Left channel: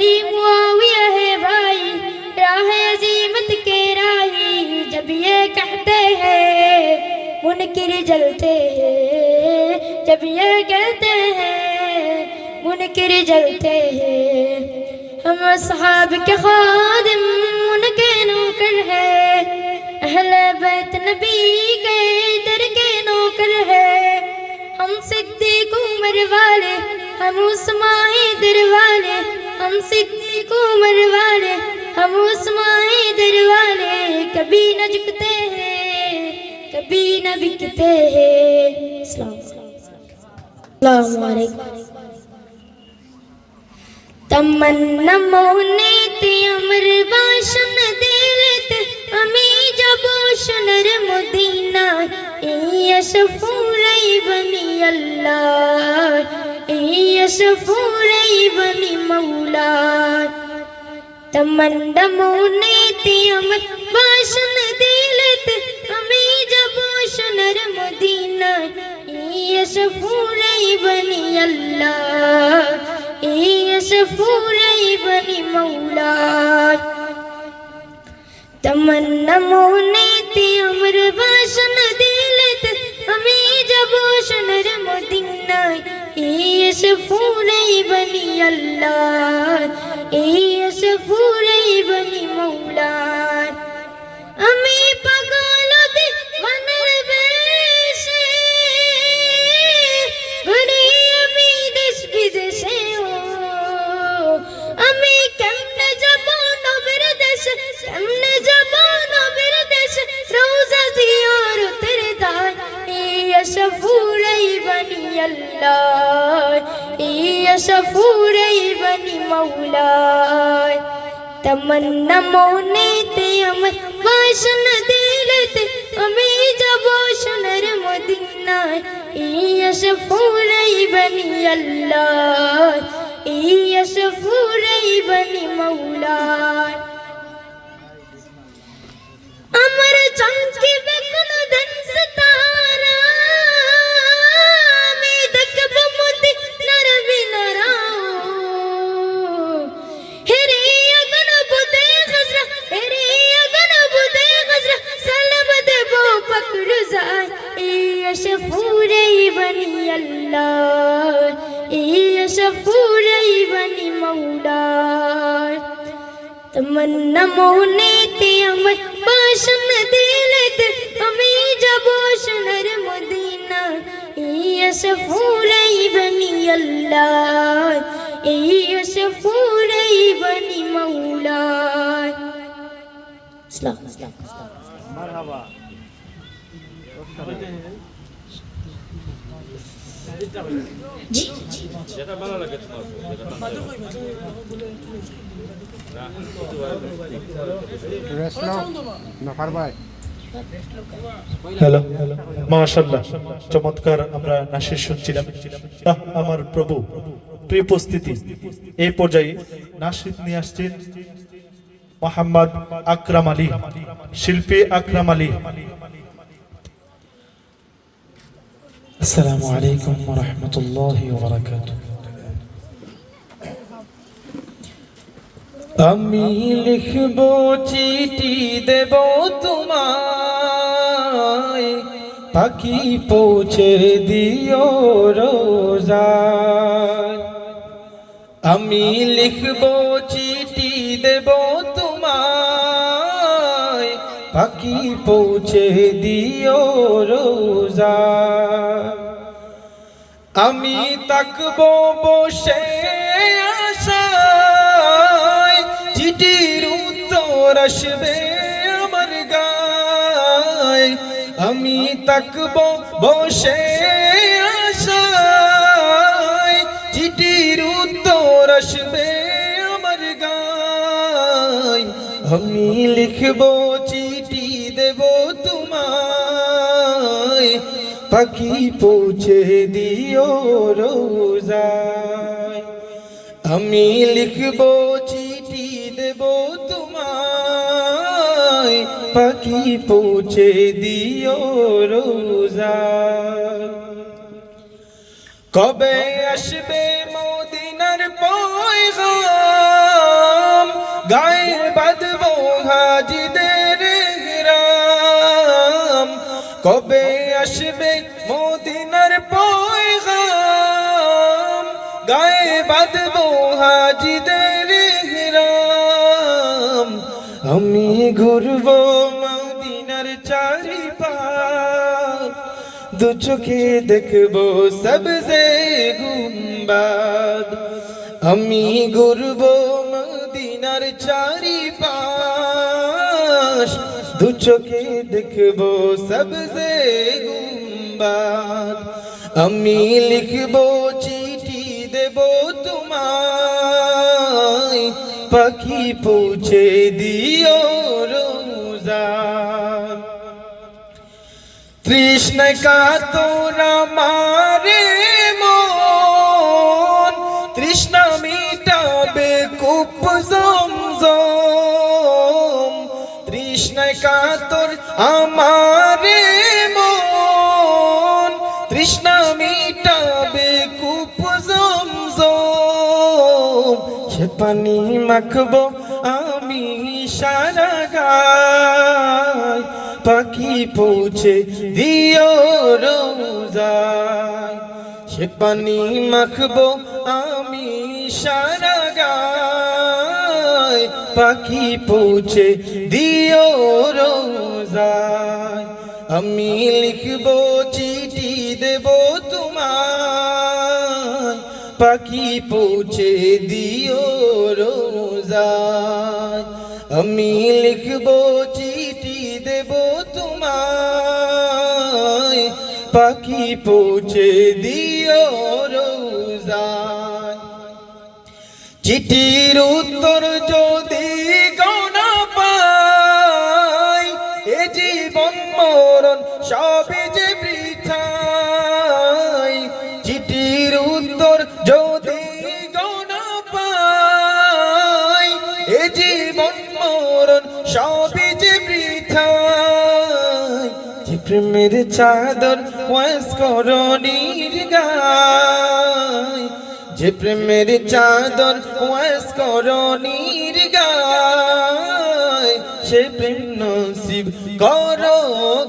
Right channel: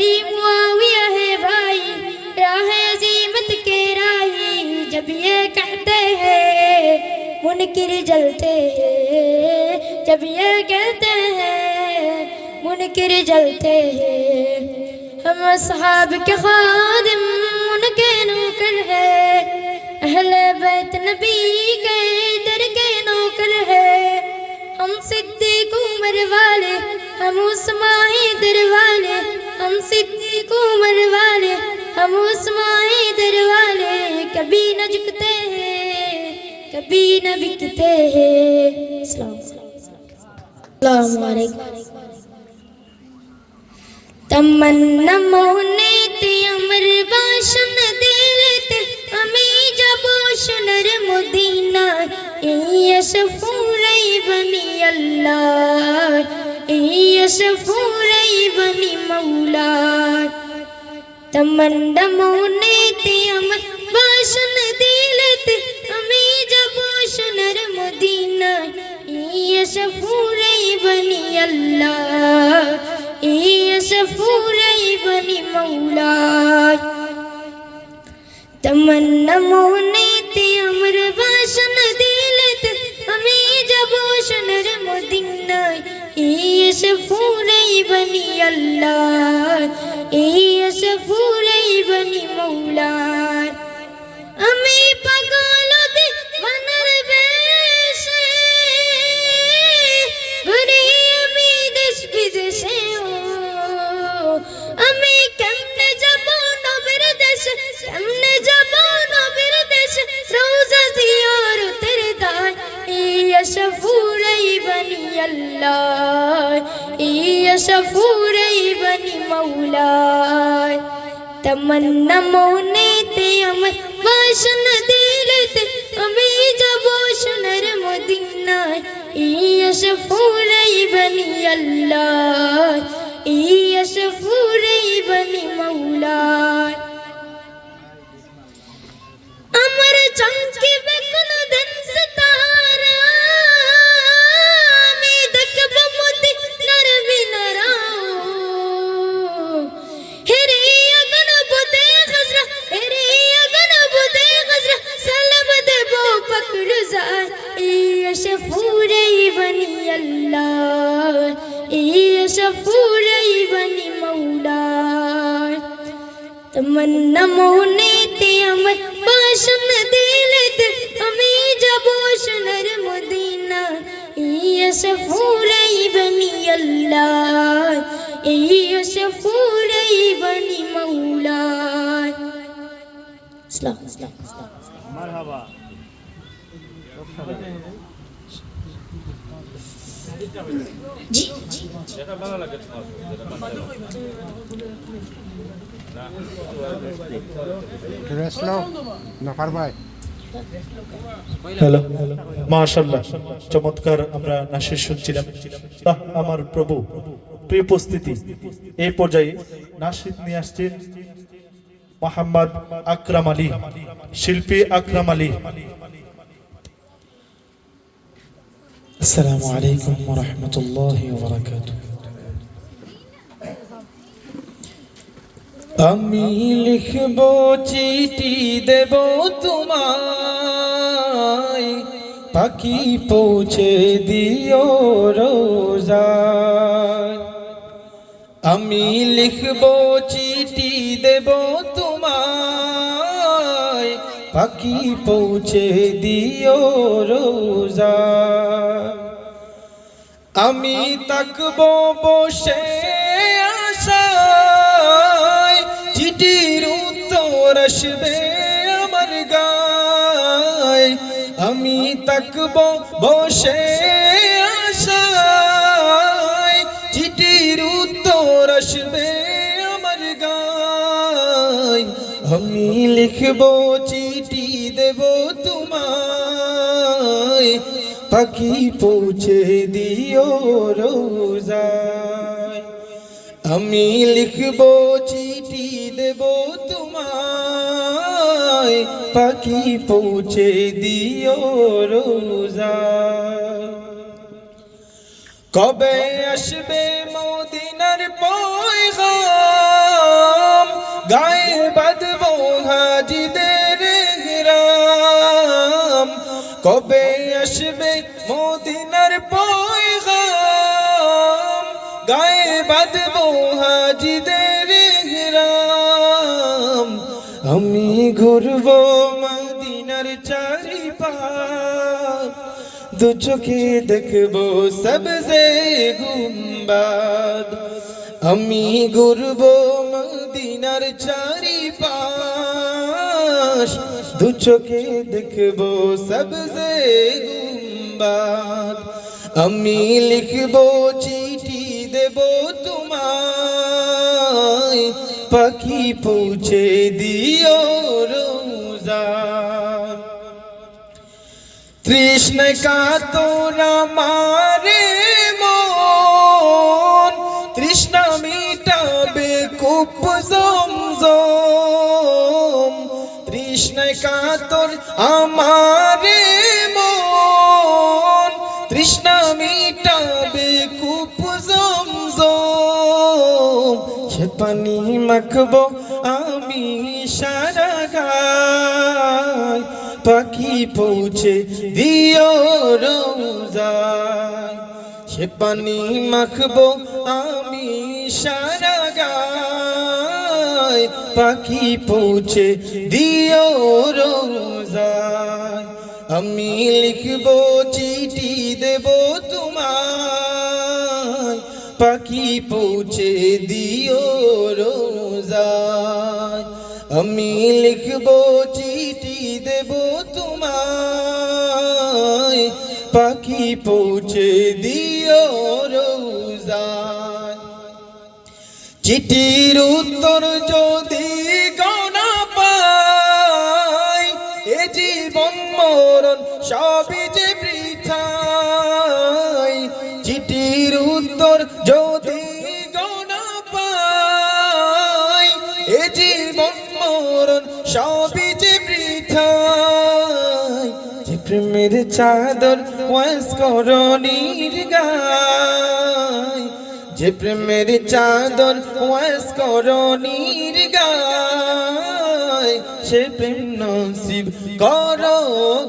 अली मुआविया है भाई, राह अजीमत के राही। जब ये कहते हैं मुनकिर जलते हैं, जब ये कहते हैं मुनकिर जलते हैं। हम असहाब के खादिम उनके नौकर है, अहले बैत नबी के दर के नौकर है। हम सिद्दीक उमर वाले, हम उस्मानी दर वाले, हम सिद्दीक उमर वाले, हम उस्मानी दर वाले। कभी न झुकते हैं, कभी न बिकते हैं। अस्सलाम वालेकुम। तमन्ना मोने ते अमर बाशन दिलत अमी जबोशनर मदीना। यशफूरई बनी अल्लाह, यशफूरई बनी मौला। तमन्ना मोने ते अमर बाशन दिलत अमी जबोशनर मदीना। यशफूरई बनी अल्लाह, यशफूरई बनी मौला। तमन्ना मोने ते अमर बाशन दिलत अमी जबोशनर मदीना। यशफूरई बनी अल्लाह, यशफूरई बनी मौला। अमी पगलो दे वनर बेशे घुरी अमी देश विदेशे। আমি কেমনে যাব নবীর দেশ, কেমনে যাব নবীর দেশ। রওজা জিয়ারতের দায় ইয়াশফুরাই বনি আল্লাহ, ইয়াশফুরাই বনি মওলা। তমন্না মনেতে আমার বাসন দিলতে আমি যাব সোনার মদিনায়। ইয়াশফুরাই বনি আল্লাহ, यशफूरई बनी मौला। अमर चमकी बेकन धन सितारा, मैं दकब मुदी नर बिनरा। हेरे अगन बुदे खजरा, हेरे अगन बुदे खजरा। सलम दे बो पकड़ जा यशफूरई बनी अल्लाह, यशफूरई बनी मौला। तमन्ना मोने ते अमर बाशन दिलत अमी जबोशनर मदीना। यशफूरई बनी अल्लाह, यशफूरई बनी मौला। जी হ্যালো, মাশাআল্লাহ, চমৎকার আমরা নাশিদ শুনছিলাম। আমার প্রভু, প্রিয় উপস্থিতি, এই পর্যায়ে নাশিদ নিয়ে আসছেন মোহাম্মদ আকরাম আলী, শিল্পী আকরাম আলী। আসসালামু আলাইকুম ওয়া রাহমাতুল্লাহি ওয়া বারাকাতুহু। আমি লিখব চিঠি দেব তোমায়, পাখি পৌঁছে দিও রোজায়। আমি লিখব চিঠি দেব তোমায়, পাখি পৌঁছে দিও রোজায়। আমি তাকবো বসে আশায়, চিঠির উত্তর আসবে আমার গায়। আমি তাকবো বসে আশায়, চিঠির উত্তর আসবে আমার গায়। আমি লিখবো চিঠি দেব তোমায়, পাখি পৌঁছে দিও রোজায়। আমি লিখবো চিঠি দেব তোমায়, পাখি পৌঁছে দিও রোজায়। কবে আসবে মদিনার পয়গাম, গায়ে বাঁধবো হাজিদের গ্রাম কবে আসবে মদিনার পয়গাম গায়ে বাঁধবো হাজিদের গ্রাম আমি ঘুরবো মদিনার চারিপাশ দু চোখে দেখবো সবজে গুম্বাদ আমি ঘুরবো মদিনার চারিপাশ দু চোখে দেখবো সবজে গুম্বাদ আমি লিখবো চিঠি দেবো তোমায় পাখি পৌঁছে দিও রোজায় তৃষ্ণায় কাতরা মারে মন তৃষ্ণা মিটাবে কূপ জমজম তৃষ্ণায় কাতর আমারে মন তৃষ্ণা মিটাবে কূপ জমজম সে পানি মাখবো আমি সারা গায় পাখি পৌঁছে দিও রোজায় সে পানি মাখবো আমি সারা গায় পাখি পৌঁছে দিও রোজায় আমি লিখবো চিঠি দেবো তোমায় পাখি পৌঁছে দিও রোজায় আমি লিখবো চিঠি দেবো তোমায় পাখি পৌঁছে দিও রোজায় চিঠির উত্তর যদি গনা পাই এ জীবন মরণ সবই যে বৃথায় চিঠির উত্তর যদি গনা পাই এ জীবন মরণ সবই যে বৃথায় যে প্রেমের চাদর ওয়াস করণীর গায় যে প্রেমের চাদর ওয়াস করণীর গায় সে প্রেম নসিব করো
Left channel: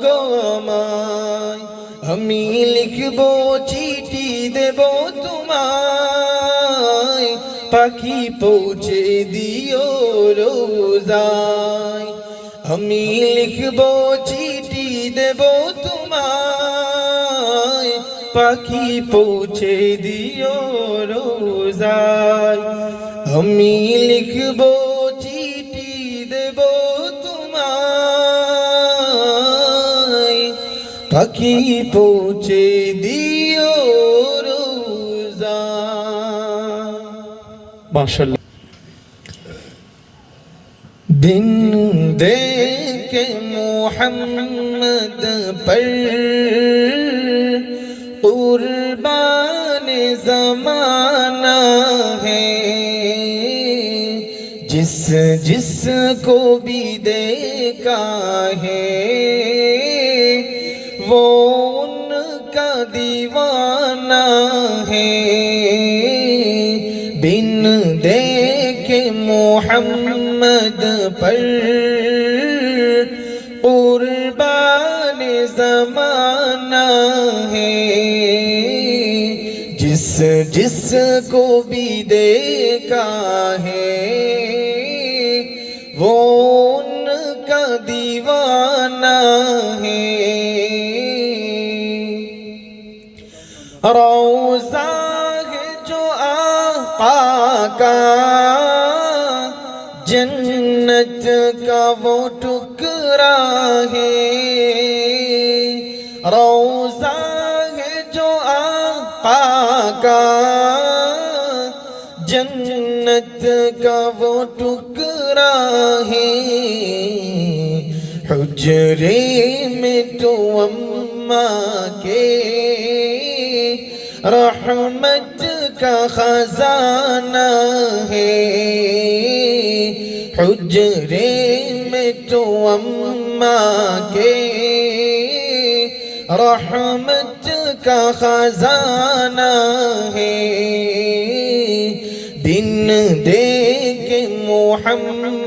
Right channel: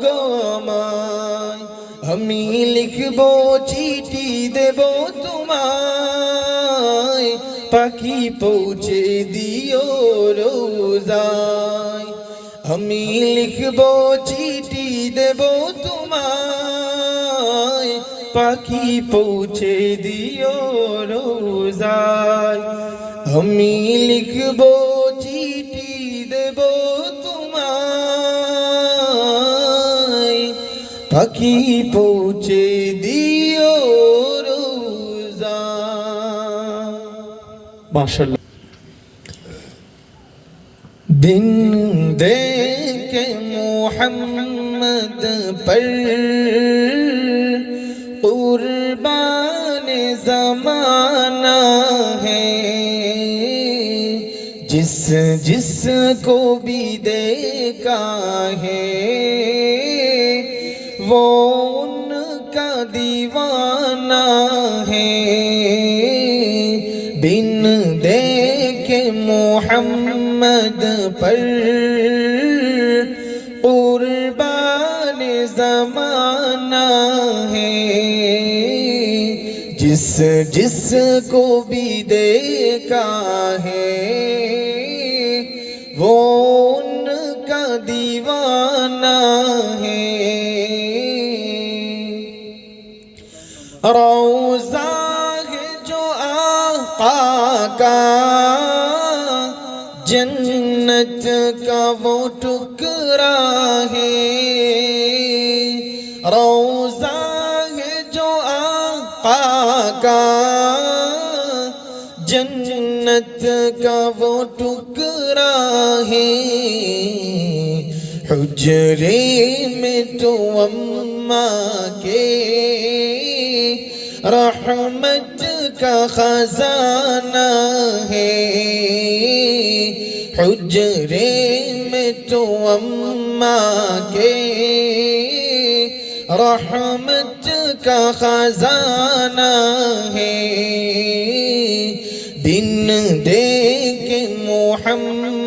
গো আমায় আমি লিখবো চিঠি দেবো তোমায় পাখি পৌঁছে দিও রোজায় আমি লিখবো চিঠি দেবো তোমায় পাখি পৌঁছে দিও রোজায় আমি লিখবো চিঠি দেবো তোমায় পাখি পৌঁছে দিও রোজায় মাশাআল্লাহ दिन देखे मोहम्मद पर कुर्बान ज़माना है जिस जिस को भी देखा है वो उनका दीवाना है बिन देखे मोहम्मद पर कुर्बान ज़माना है जिस जिस को भी देखा है वो उनका दीवाना है रोज़ा है जो आका का जन्नत का वो टुकड़ा है रोज़ा है जो आका का जन्नत का वो टुकड़ा है हुजरे में तो अम्मा के रहमत का खजाना है हुजरे में तो अम्मा के रहमत का खजाना है दिन देखे मोहम्मद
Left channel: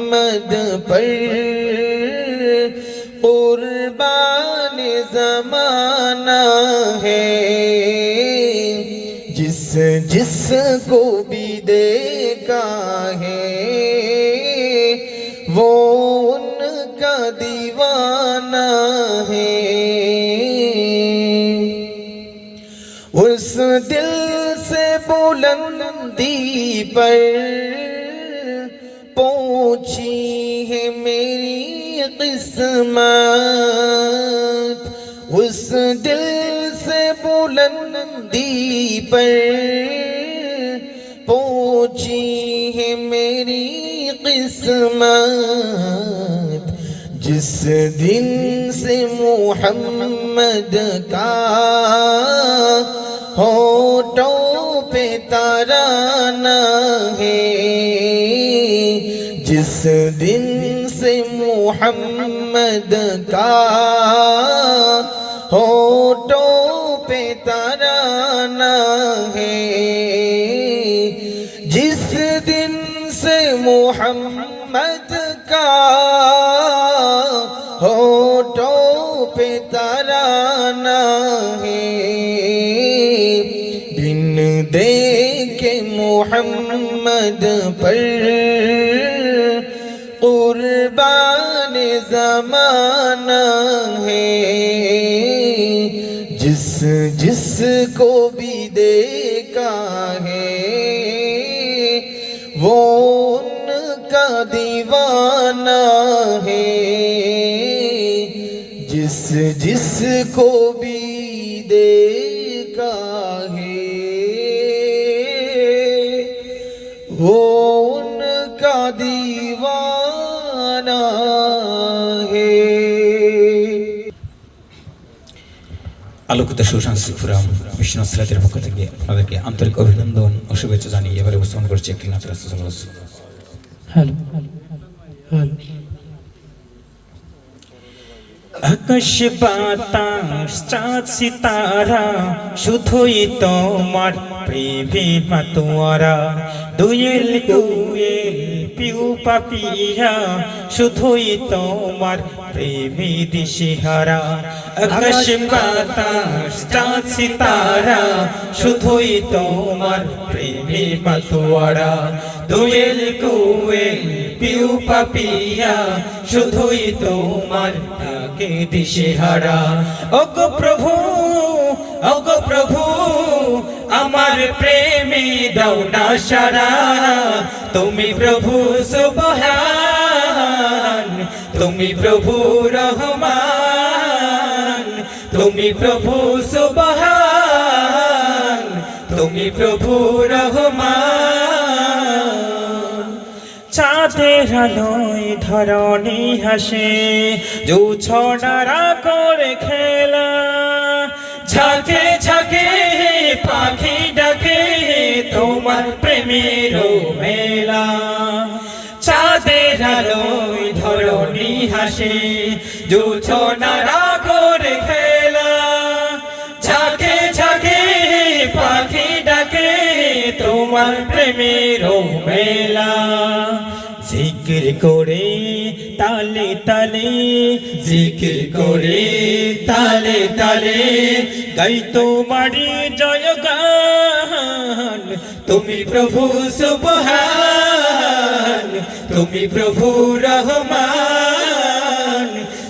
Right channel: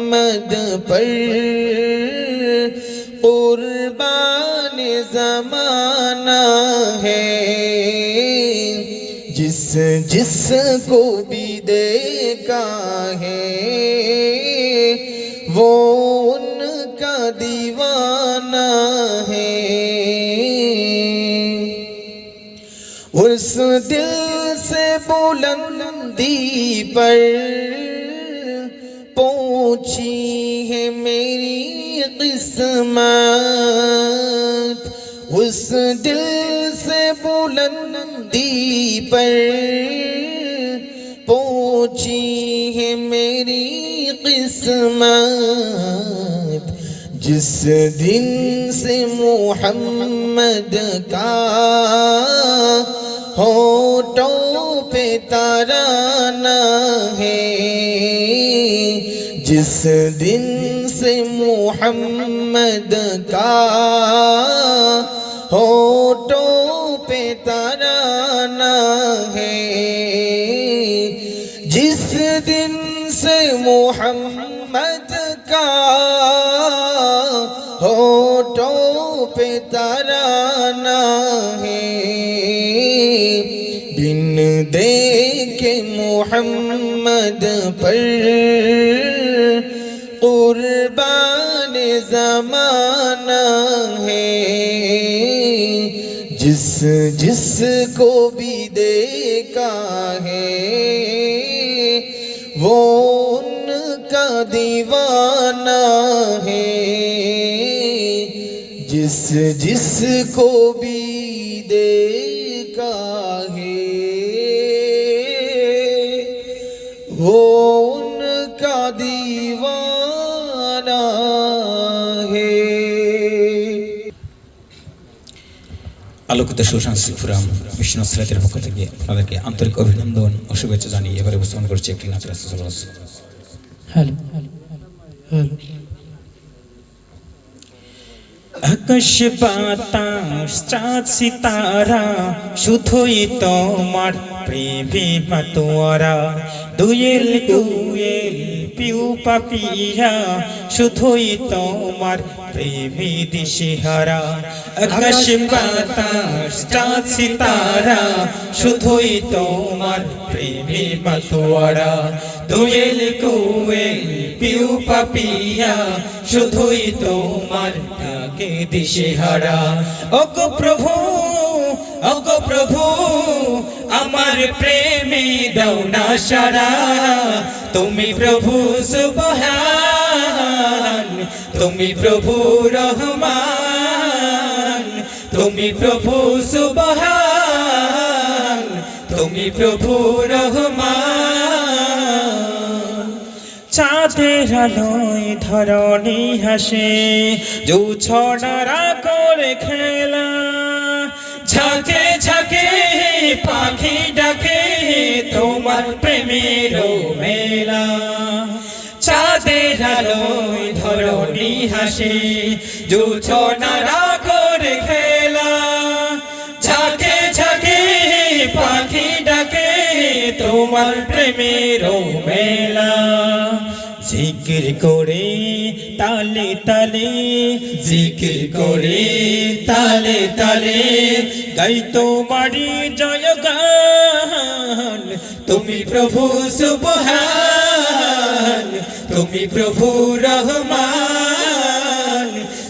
जिस जिस को भी देखा है वो उनका दीवाना है। उस दिल से बुलंदी पर पहुंची है मेरी किस्मत। उस दिल से बुलंदी पर पहुंची है मेरी किस्मत। जिस दिन से मोहम्मद का होठों पे तराना है। जिस दिन से मोहम्मद का होठों पे तराना है। जिस दिन से मोहम्मद का होठों पे तराना है। दिन देखे मोहम्मद पर कुर्बान ज़माना है। जिस जिस को भी देखा है वो उनका दीवाना है। जिस जिस को भी देखा है वो उनका दीवाना है। আলোকিত সুসাংস্কৃতিক ফোরাম মিশন সিরাতের পক্ষ থেকে আপনাদেরকে আন্তরিক অভিনন্দন ও শুভেচ্ছা জানিয়ে এবারে উপস্থাপন করছি একটি নাচ রাস্তা। Hello hello. আকাশ বাতাস চাঁদ সিতারা শুধুই তোমার প্রেমে মাতোয়ারা। দুয়েল কুয়েল পিউ পাপিয়া শুধুই তোমার প্রেমে দিশেহারা। আকাশ বাতাস চাঁদ সিতারা শুধুই তোমার প্রেমে মাতোয়ারা। দুয়েল কুয়েল পিউ পাপিয়া শুধুই তোমার ডাকে দিশেহারা। ওগো প্রভু ওগো প্রভু আমার প্রেমে দাও না সারা। তুমি প্রভু সুবহান তুমি প্রভু রহমান। তুমি প্রভু সুবহান তুমি প্রভু রহমান। চাঁদের আলোয় ধরণী হাসে জোছনারা করে খেলা। ঝাঁকে ঝাঁকে পাখি ডাকে তোমার প্রেমের মেলা। চাঁদের আলোয় ধরণী হাসে জোছনারা করে খেলা। ঝাঁকে ঝাঁকে পাখি ডাকে তোমার প্রেমের মেলা। জিকির করে তালে তালে জিকির করে তালে তালে গাই তোমারি জয়গান। তুমি প্রভু সুবহান তুমি প্রভু রহমান।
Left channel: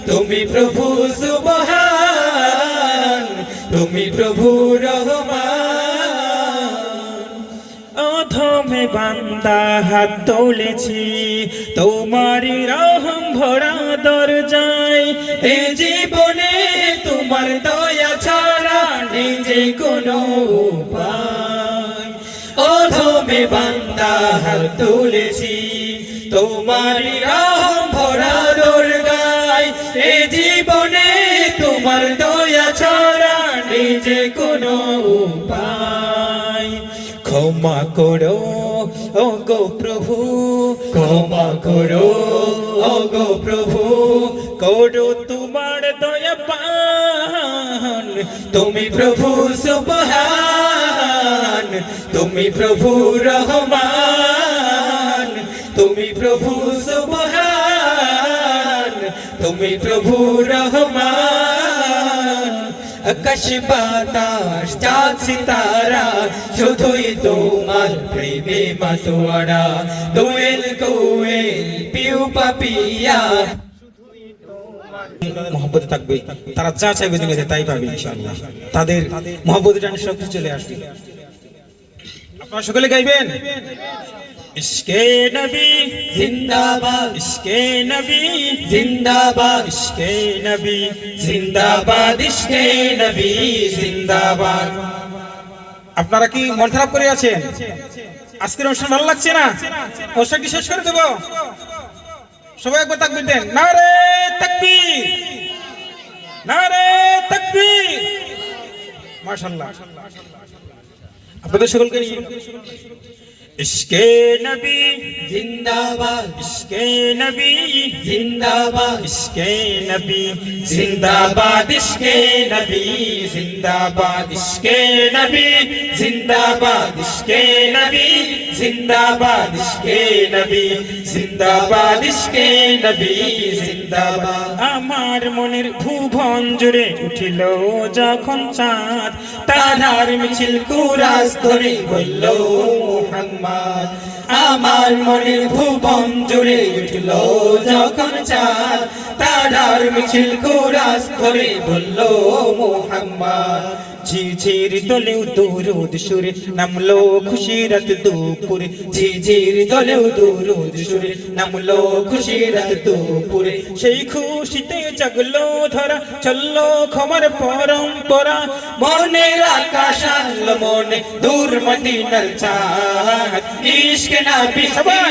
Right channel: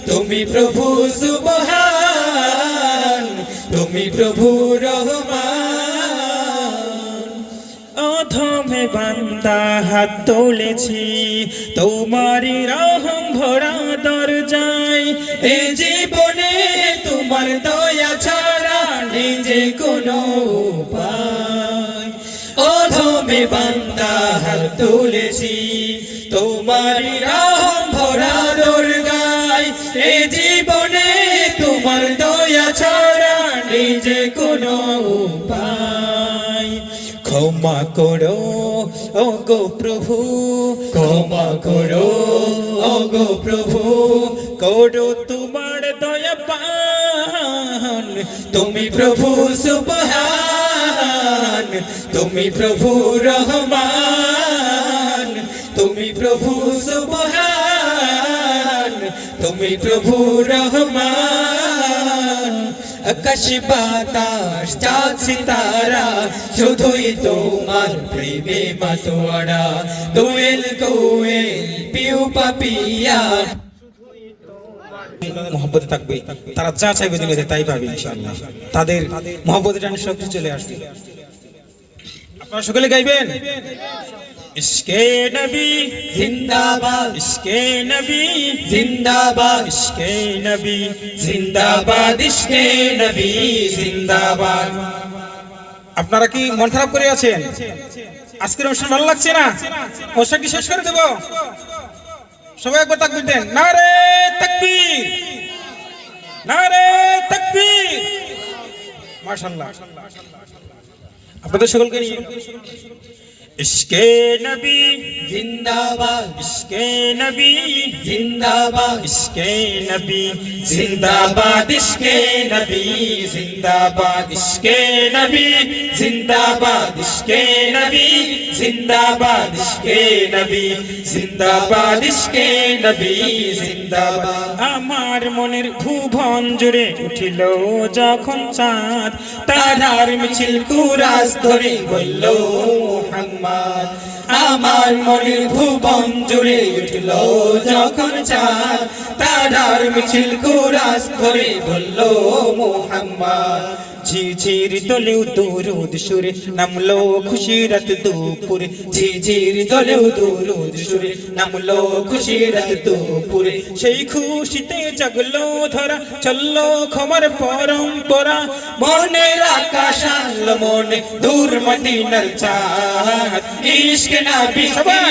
তুমি প্রভু সুবহান তুমি প্রভু রহমান। অধমে বান্দা হাত তুলেছি তোমারি রহম ভরা দরজায়। এ জীবনে তোমার দয়া ছাড়া নিজে কোনো উপায়। অধমে বান্দা হাত তুলেছি তোমারি রহম ভরা দরজায়। এ জীবনে তোমার দয়া ছাড়া নিজে কোনো উপায়। ক্ষমা করো ওগো প্রভু ক্ষমা করো ওগো প্রভু করো তোমার দয়া পান। তুমি প্রভু সুবহান তুমি প্রভু রহমান। তুমি প্রভু সুবহান তুমি প্রভু রহমান। আকাশ বাতাস চাঁদ সিতারা শুধুই তোমার প্রেমে মাতোয়ারা দোয়েল কোয়েল পিউ পাপিয়া মহব্বত থাকবে, তারা যা চাইবে দুনিয়াতে তাই পাবে ইনশাআল্লাহ। তাদের মহব্বতের টানে সবকিছু চলে আসবে। আপনারা সকলে গাইবেন ইশকে নবী জিন্দাবাদ ইশকে নবী জিন্দাবাদ ইশকে নবী জিন্দাবাদ ইশকে নবী জিন্দাবাদ। আপনারা কি মন খারাপ করে আছেন? আজকের অনুষ্ঠান ভালো লাগছে না? অনুষ্ঠান কি শেষ করে দেব? সবাই একবার তাকবীর দেন, নারে তাকবীর, নারে তাকবীর। মাশাআল্লাহ। আপনাদের সকলকে নিয়ে ইশকে নবী জিন্দাবাদ ইশকে নবী জিন্দাবাদ ইশকে নবী জিন্দাবাদ ইশকে নবী জিন্দাবাদ ইশকে নবী জিন্দাবাদ ইশকে নবী জিন্দাবাদ ইশকে নবী জিন্দাবাদ ইশকে নবী জিন্দাবাদ। আমার মনের ভুবন জুড়ে উঠিল যখন চাঁদ, তারার মিছিল কুরাস ধরে বলল মুহাম্মদ। আমার মনের ভুবন জুড়ে উঠল যখন চাঁদ, তারার মিছিল কুরাস ধরে বলল মুহাম্মদ। ঝিঝির দলেও দরুদ সুরে নামলো খুশির রাত দুপুরে, ঝিঝির দলেও দরুদ সুরে নামলো খুশির রাত দুপুরে। সেই খুশিতে জাগলো ধরা চললো ক্ষমার পরম্পরা, মনের আকাশ আনলো মনে দূর মদিনার চাঁদ। ইশক নবী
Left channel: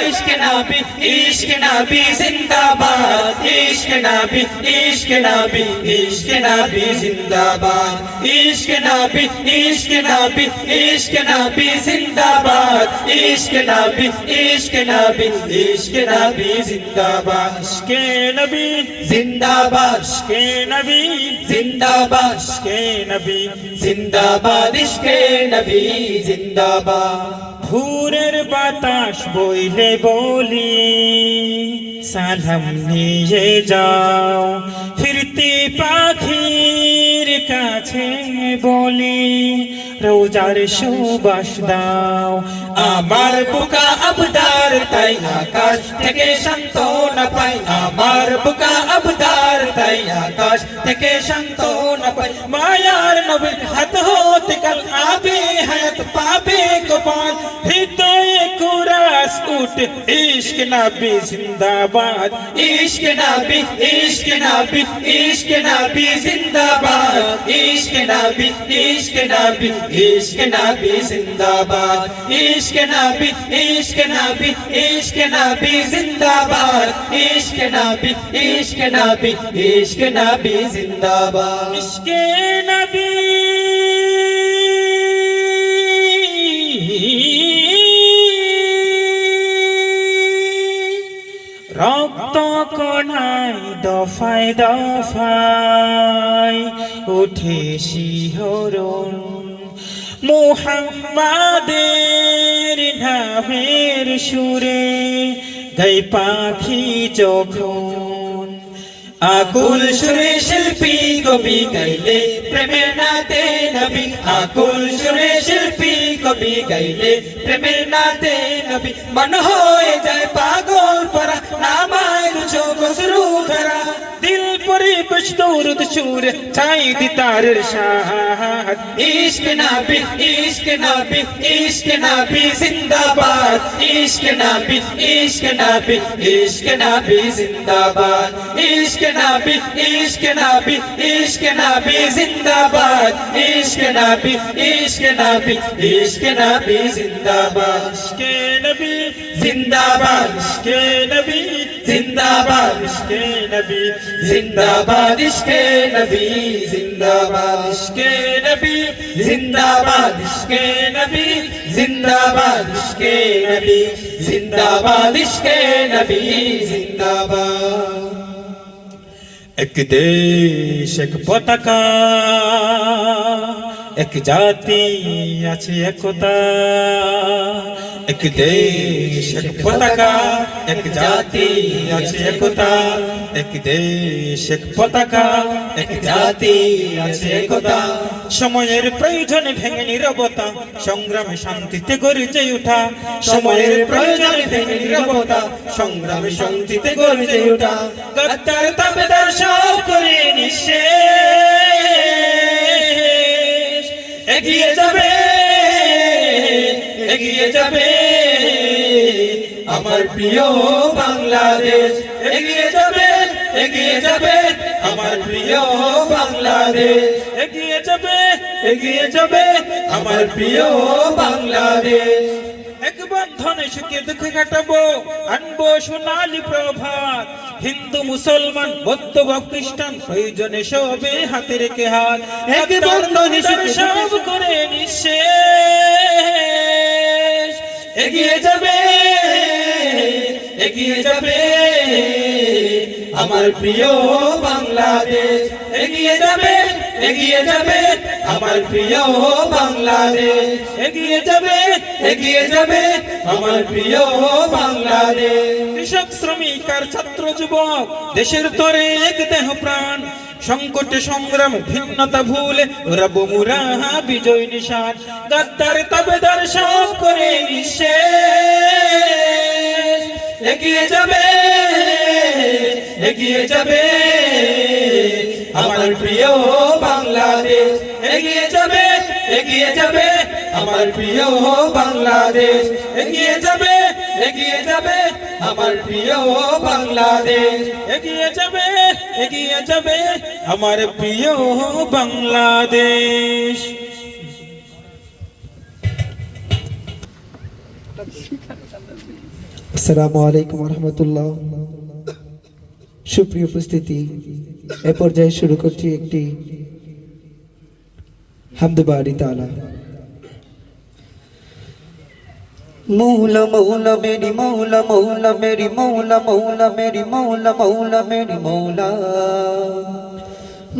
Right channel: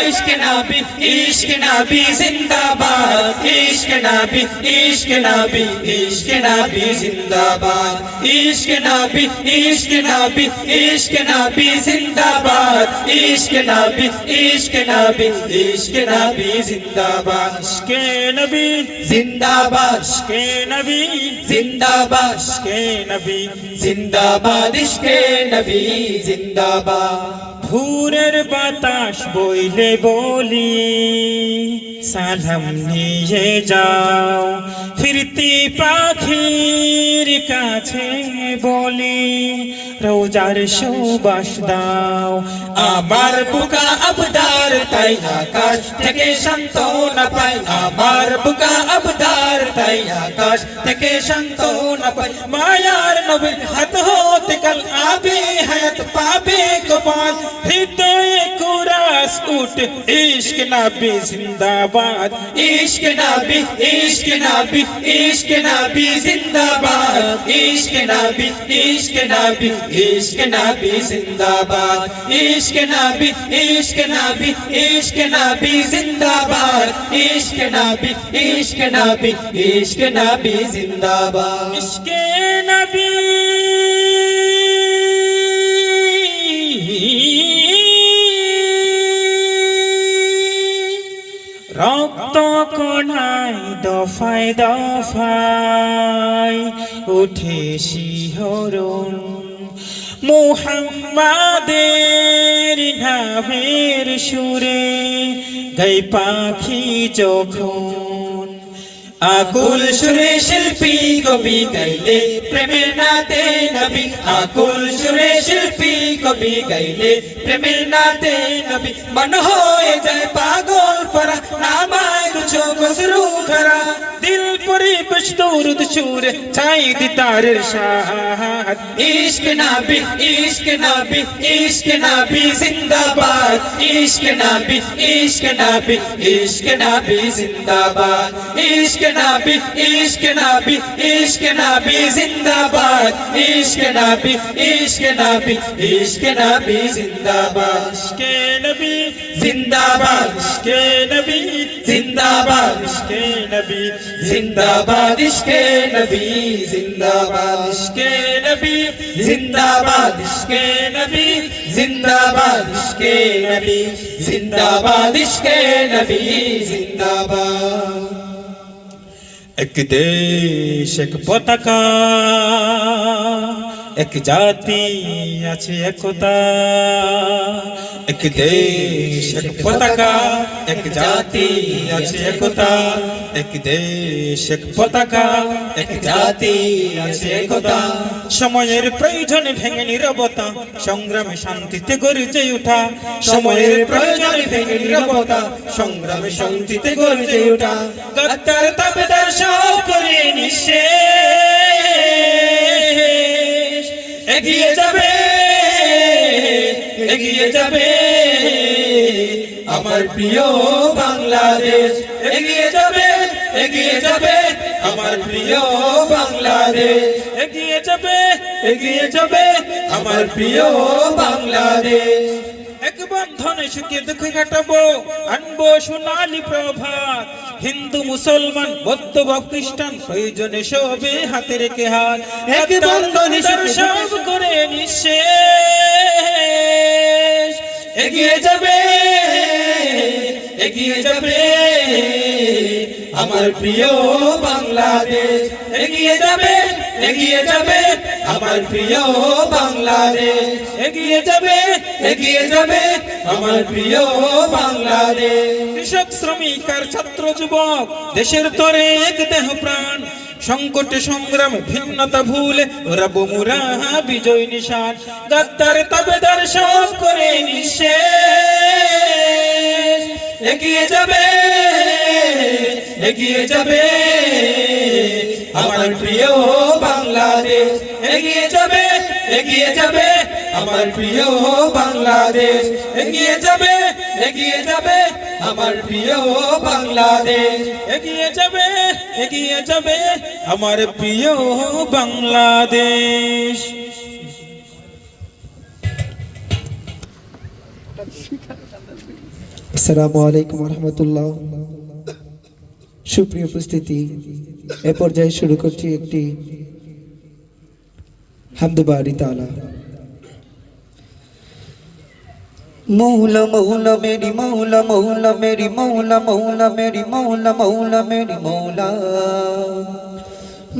ইশক নবী ইশক নবী জিন্দাবাদ ইশক নবী ইশক নবী ইশক নবী জিন্দাবাদ ইশক নবী ইশক নবী ইশক নবী জিন্দাবাদ ইশক নবী ইশক নবী ইশক নবী জিন্দাবাদ ইশকে নবী জিন্দাবাদ ইশকে নবী জিন্দাবাদ ইশকে নবী জিন্দাবাদ ইশকে নবী জিন্দাবাদ। ভোরের বাতাস বইলে বলি সালাম নিয়ে যাও, ফিরতি পাখির কাছে বলি রোজার সুবাস দাও। আমার বুকা আবদার তাই আকাশ থেকে সান্ত্বনা পাই, আমার বুকা আবদার তাই আকাশ থেকে সান্ত্বনা পাই। মায়ার নবীর হাত হতে কাল আবে হায়াত পাবে কপাল, হৃদয়ে কুরাস উঠে ইশক নবী জিন্দাবাদ ইশক নবী ইশক নবী ইশক নবী জিন্দাবাদ ইশক নবী ইশক নবী ইশক নবী জিন্দাবাদ ইশক নবী ইশক নবী ইশক নবী জিন্দাবাদ ইশক নবী ইশক নবী ইশক নবী জিন্দাবাদ। ইশকে নবী রক্ত কোনায় দফায় দফায় উঠে শিহরণ, মুহাম্মাদের নামের সুরে গাই পাখি যখন। আকুল সুরে শিল্পী কবি গাইলে প্রেমের নাতে নবী, আকুল সুরে শিল্পী কবি গাইলে প্রেমের নাতে নবী। মন হয়ে যায় পাগল পরা নামায় রুচো গসরু করা, দিল পরিবেশ দৌরদ সুরে চাই দিতারের শাহাদ। ইশক নবী ইশক নবী ইশক নবী জিন্দাবাদ ইশক নবী ইশক নবী ইশক নবী জিন্দাবাদ ইশক নবী ইশক নবী ইশক নবী জিন্দাবাদ ইশক নবী ইশক নবী ইশক নবী জিন্দাবাদ ইশকে নবী জিন্দাবাদ ইশকে নবী জিন্দাবাদ ইশকে নবী জিন্দাবাদ ইশকে নবী জিন্দাবাদ ইশকে নবী জিন্দাবাদ ইশকে নবী জিন্দাবাদ ইশকে নবী জিন্দাবাদ ইশকে নবী জিন্দাবাদ। এক দেশ এক পতাকা এক জাতি আছে একতা, এক দেশ এক পতাকা, এক জাতি আছে একতা, এক দেশ এক পতাকা, এক জাতি আছে একতা। সময়ের প্রয়োজনে ভেঙে নীরবতা, সংগ্রামে শান্তিতে গর্জে ওঠা। সময়ের প্রয়োজনে ভেঙে নীরবতা, সংগ্রামে শান্তিতে গর্জে ওঠা। গাদ্দার তাবেদার সব করে নিঃশেষ, এগিয়ে যাবে, এগিয়ে যাবে আমার প্রিয় বাংলাদেশ, এগিয়ে যাবে, এগিয়ে যাবে আমার প্রিয় বাংলাদেশ, এগিয়ে যাবে, এগিয়ে যাবে আমার প্রিয় বাংলাদেশ। এক বন্ধনে সুখে দুঃখে কাটাবো, আনবো সোনালি প্রভাত। হিন্দু মুসলমান বৌদ্ধ বা খ্রিস্টান প্রয়োজনে সবে হাতে রেখে হাত। এক বন্ধনে সব করে নিঃশেষ, এগিয়ে যাবে, এগিয়ে যাবে আমার প্রিয় বাংলাদেশ, এগিয়ে যাবে, এগিয়ে যাবে আমার প্রিয় বাংলাদেশ, এগিয়ে যাবে, এগিয়ে যাবে আমার প্রিয় বাংলাদেশ। কৃষক শ্রমিক আর ছাত্র যুবক দেশের তরে এক দেহ প্রাণ, সংকটে সংগ্রামে ভিন্নতা ভুলে ওরা বমুরা বিজয় নিশান। গাদ্দার তাবেদার সব করে নিঃশেষ, এগিয়ে যাবে, এগিয়ে যাবে আমার প্রিয় বাংলাদেশ, এগিয়ে যাবে, এগিয়ে যাবে আমার প্রিয় বাংলাদেশ, এগিয়ে যাবে, এগিয়ে যাবে আমার প্রিয় বাংলাদেশ, এগিয়ে যাবে, এগিয়ে যাবে আমার প্রিয় বাংলাদেশ। আসসালামু আলাইকুম রহমতুল্লাহ। সুপ্রিয় উপস্থিতি, এ পর্যায়ে শুরু করছি একটি হামদবাড়ি তালা। মৌলা মৌলা মেরি মৌলা, মৌলা মেরি মৌলা, মৌলা মেরি মৌলা, মৌলা মেরি মৌলা,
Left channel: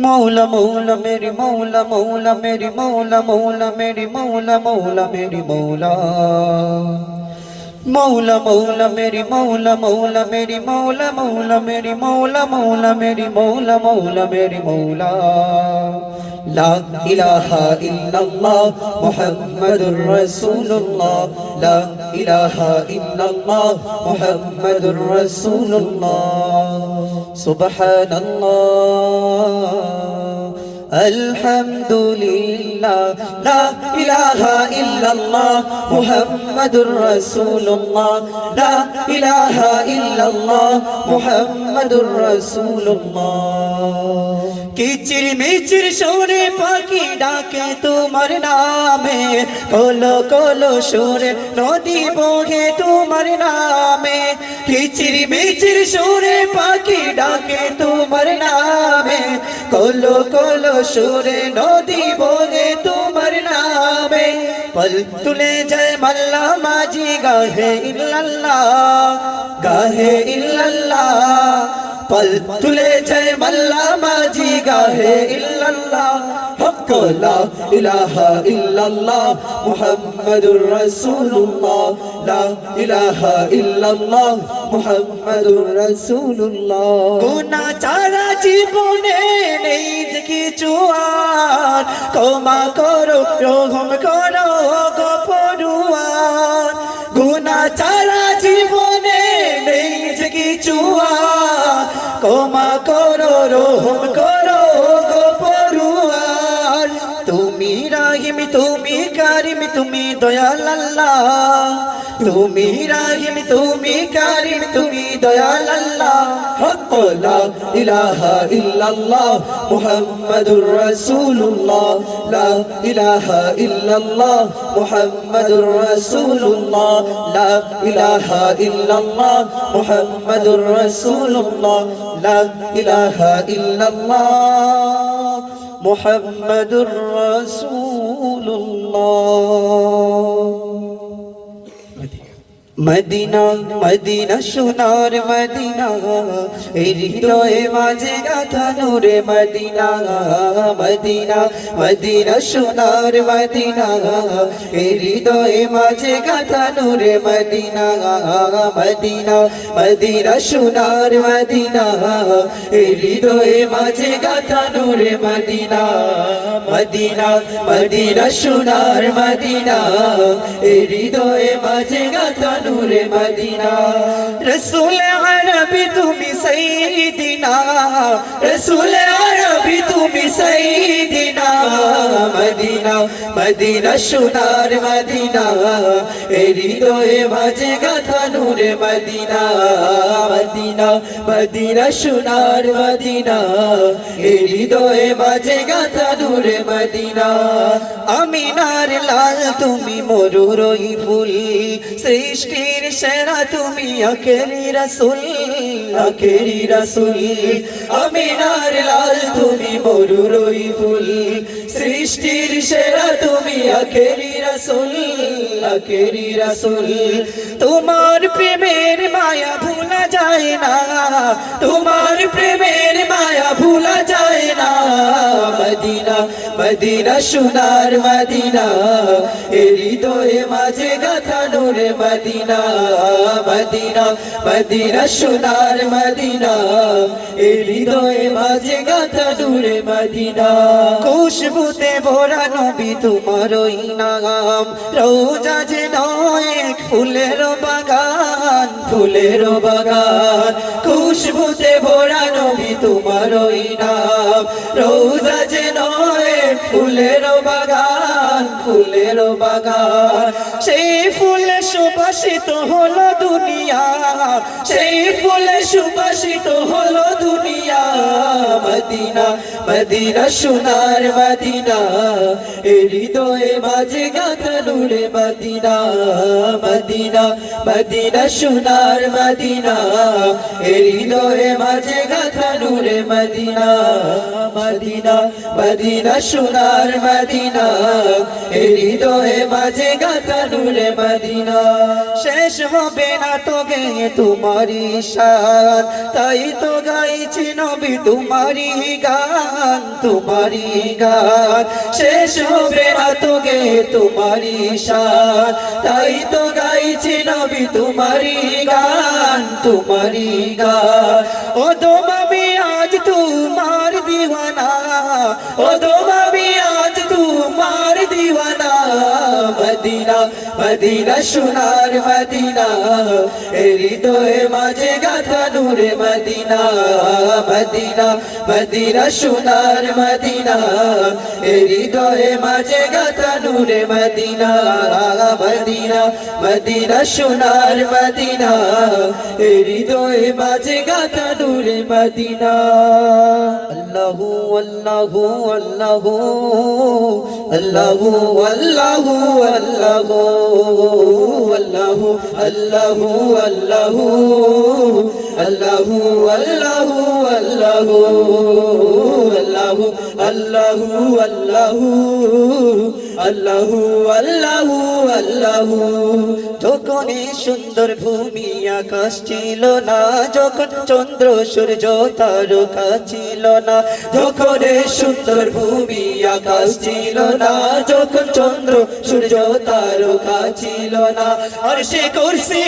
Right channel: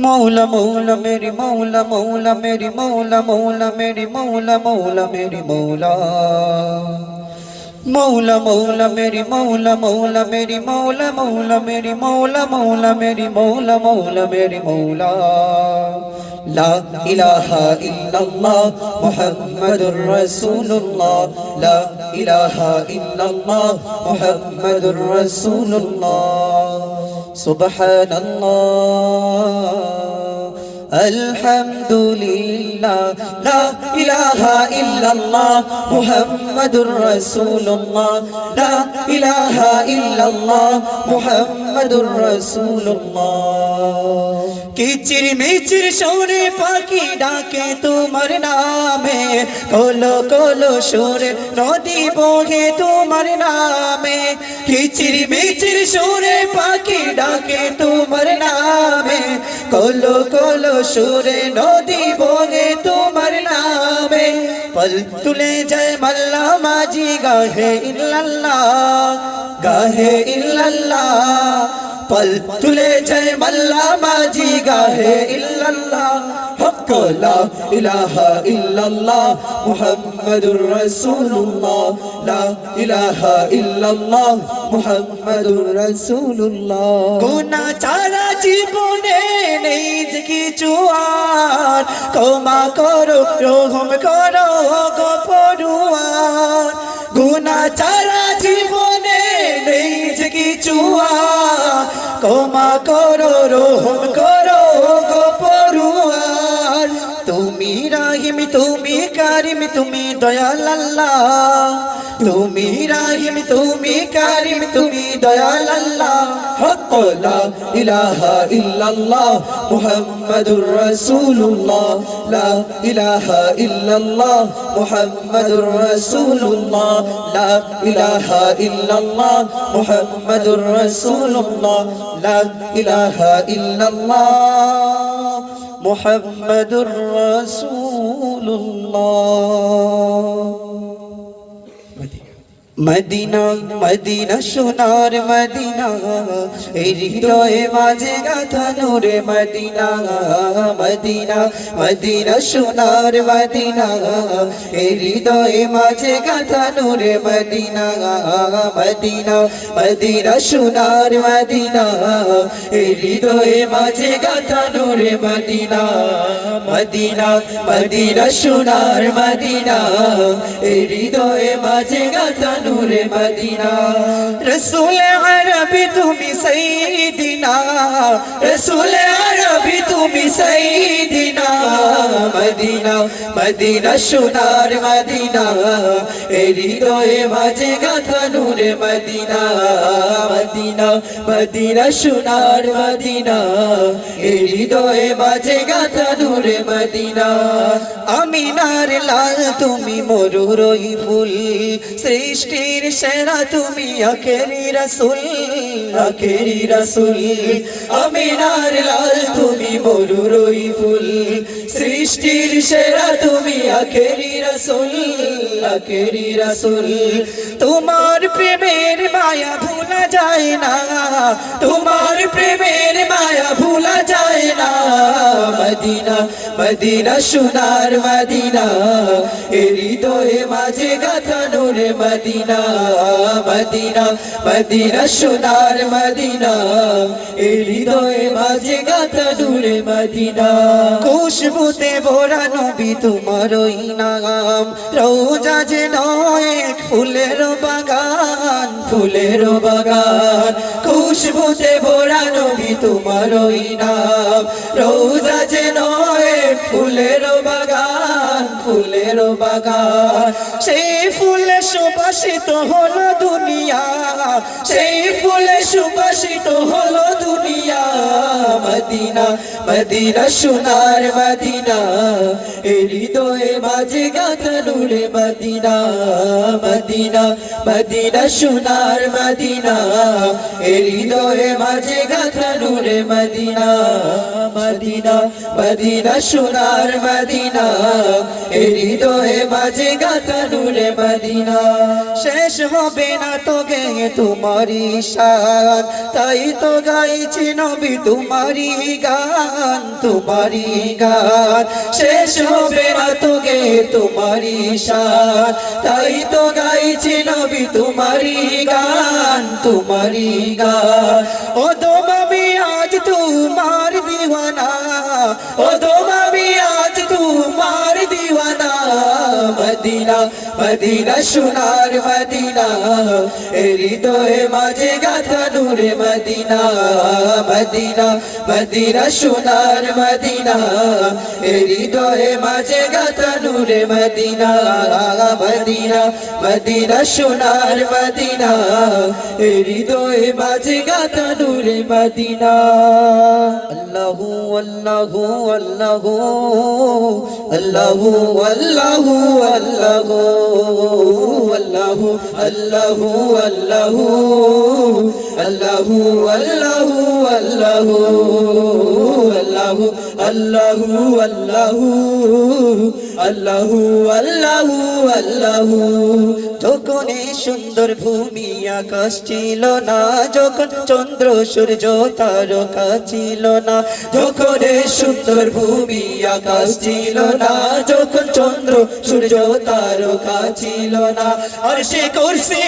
মৌলা মৌলা মেরি মৌলা, মৌলা মেরি মৌলা, মৌলা মেরি মৌলা, মৌলা মেরি মৌলা, মৌলা মৌলা মেরি মৌলা, মৌলা মেরি মৌলা, মৌলা মেরি মৌলা, মৌলা মেরি মৌলা, মৌলা মেরি মৌলা। লা ইলাহা ইল্লাল্লাহ মুহাম্মাদুর রাসূলুল্লাহ, লা ইলাহা ইল্লাল্লাহ মুহাম্মাদুর রাসূলুল্লাহ। সুবহানাল্লাহ আলহামদুলিল্লাহ, লা ইলাহা ইল্লাল্লাহ মুহাম্মাদুর রাসূলুল্লাহ, লা ইলাহা ইল্লাল্লাহ মুহাম্মাদুর রাসূলুল্লাহ। কিচির মিচির সুরে পাখি ডাকে তোমার নামে, কোলো কোলো সুরে নদী বহে তোমার নামে। কিচির মিচির সুরে পাখি ডাকে তোমার নামে, কোলো কোলো সুরে নদী বহে তোমার নামে। পল তুলে যায় মাল্লা মাঝি গাহে ইল্লাল্লাহ, গাহে ইল্লাল্লাহ। পল তুলে যায় মাল্লা মাঝি গাহে ইল্লাল্লাহ। হক লা ইলাহা ইল্লাল্লাহ মুহাম্মাদুর রাসূলুল্লাহ, লা ইলাহা ইল্লাল্লাহ মুহাম্মাদুর রাসূলুল্লাহ। গুনাহ ছাড়া জীবনে নেই যে কিছু আর, ক্ষমা করো রহম করো গো পরওয়ার। গুনাহ ছাড়া জীবনে নেই যে কিছু আর, ক্ষমা করো রহম করো গো পরওয়ার। তুমি রাহিম তুমি কারিম তুমি দয়াল আল্লাহ, তুমি রাহিম তুমি কারিম তুমি দয়াল আল্লাহ। হক লা ইলাহা ইল্লাল্লাহ মুহাম্মাদুর রাসূলুল্লাহ, লা ইলাহা ইল্লাল্লাহ মুহাম্মাদুর রাসূলুল্লাহ, লা ইলাহা ইল্লাল্লাহ মুহাম্মাদুর রাসূলুল্লাহ, লা ইলাহা ইল্লাল্লাহ মুহাম্মাদুর রাসূলুল্লাহ। মদিনা মদিনা সোনার মদিনা এই হৃদয়ে মাঝে গাথা নূরে মদিনা মদিনা মদিনা সোনার মদিনা এই হৃদয়ে মাঝে গাথা নূরে মদিনা মদিনা মদিনা সোনার মদিনা এই হৃদয়ে মাঝে গাথা নূরে মদিনা মদিনা মদিনা সোনার মদিনা এই হৃদয়ে মাঝে গাথা নূরে মদিনা রসুল আরবি তুমি সাইয়্যিদিনা রসুল আরবি তুমি সাইয়্যিদিনা মদিনা মদিনা সোনার মদিনা এই হৃদয়ে মাঝে গাথা নূরে মদিনা মদিনা মদিনা সোনার মদিনা এই হৃদয়ে মাঝে গাথা নূরে মদিনা আমিনার লাল তুমি মরুরই ফুল সৃষ্টির সেরা তুমি আখেরি রাসূল আমিনার লাল তুমি মরুরই ফুল সৃষ্টির সেরা তুমি আখেরি রাসূল তোমার প্রেমের মায়া ভুলা যায় না তোমার প্রেমের মায়া ভুলা যায় না মদিনা মদিনা সোনার মদিনা এই হৃদয়ে মাঝে গাথা নূরে মদিনা মদিনা মদিনা সোনার মদিনা এই হৃদয়ে মাঝে গাথা নূরে মদিনা খুশবুতে ভরা নবী তোমারই নাম রোজা যে নয় এক ফুলের বাগান খুশবুতে ভরা নবী তোমারই নাম রোজা যে নয় এক ফুলের বাগান সেই ফুলে সুবাসিত হলো দুনিয়া সেই ফুলে সুবাসিত হলো দুনিয়া মদিনা মদিনা সোনার মদিনা এই হৃদয়ে মাঝে গাথা নূরে মদিনা মদিনা মদিনা সোনার মদিনা এই হৃদয়ে মাঝে গাথা নূরে মদিনা মদিনা মদিনা সোনার মদিনা এই হৃদয়ে মাঝে গাথা নূরে মদিনা শেষ হবে না তো গে তোমারি শান তাই তো গাইছি নবী তোমারি গান শেষ হবে না তো গে তোমারি শান তাই তো গাইছি নবী তোমারি গান ও দোম আমি আজ তোমার দিওয়ানা ও দোম আমি আজ তোমার দিওয়ানা মদিনা মদিনা সোনার মদিনা এই হৃদয়ে মাঝে গাথা নূরে মদিনা মদিনা মদিনা সোনার মদিনা এই হৃদয়ে মাঝে গাথা নূরে মদিনা মদিনা মদিনা সোনার মদিনা এই হৃদয়ে মাঝে গাথা নূরে মদিনা আল্লাহু আল্লাহু আল্লাহু আল্লাহু আল্লাহু আল্লাহু আল্লাহু আল্লাহু আল্লাহু আল্লাহু আল্লাহু আল্লাহু আল্লাহু আল্লাহু আল্লাহু আল্লাহু আল্লাহু যখন সুন্দর ভূমি আকাশ ছিল না যখন চন্দ্র সূর্য তারকা ছিল না যখন সুন্দর ভূমি আকাশ ছিল না যখন চন্দ্র সূর্য তারকা ছিল না আর সে কুরসি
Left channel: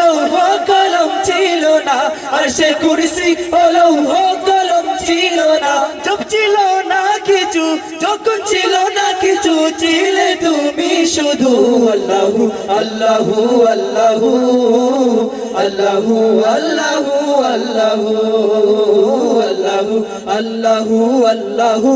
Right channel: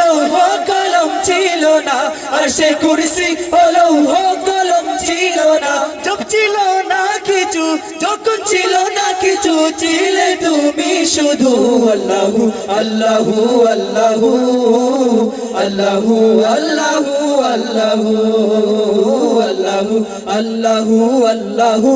লৌহ কলম ছিল না আর সে কুরসি লৌহ কলম ছিল না জব ছিল না কিছু যখন ছিল না কিছু ছিলে তুমি শুধু আল্লাহু আল্লাহু আল্লাহু আল্লাহু আল্লাহু আল্লাহু আল্লাহু আল্লাহু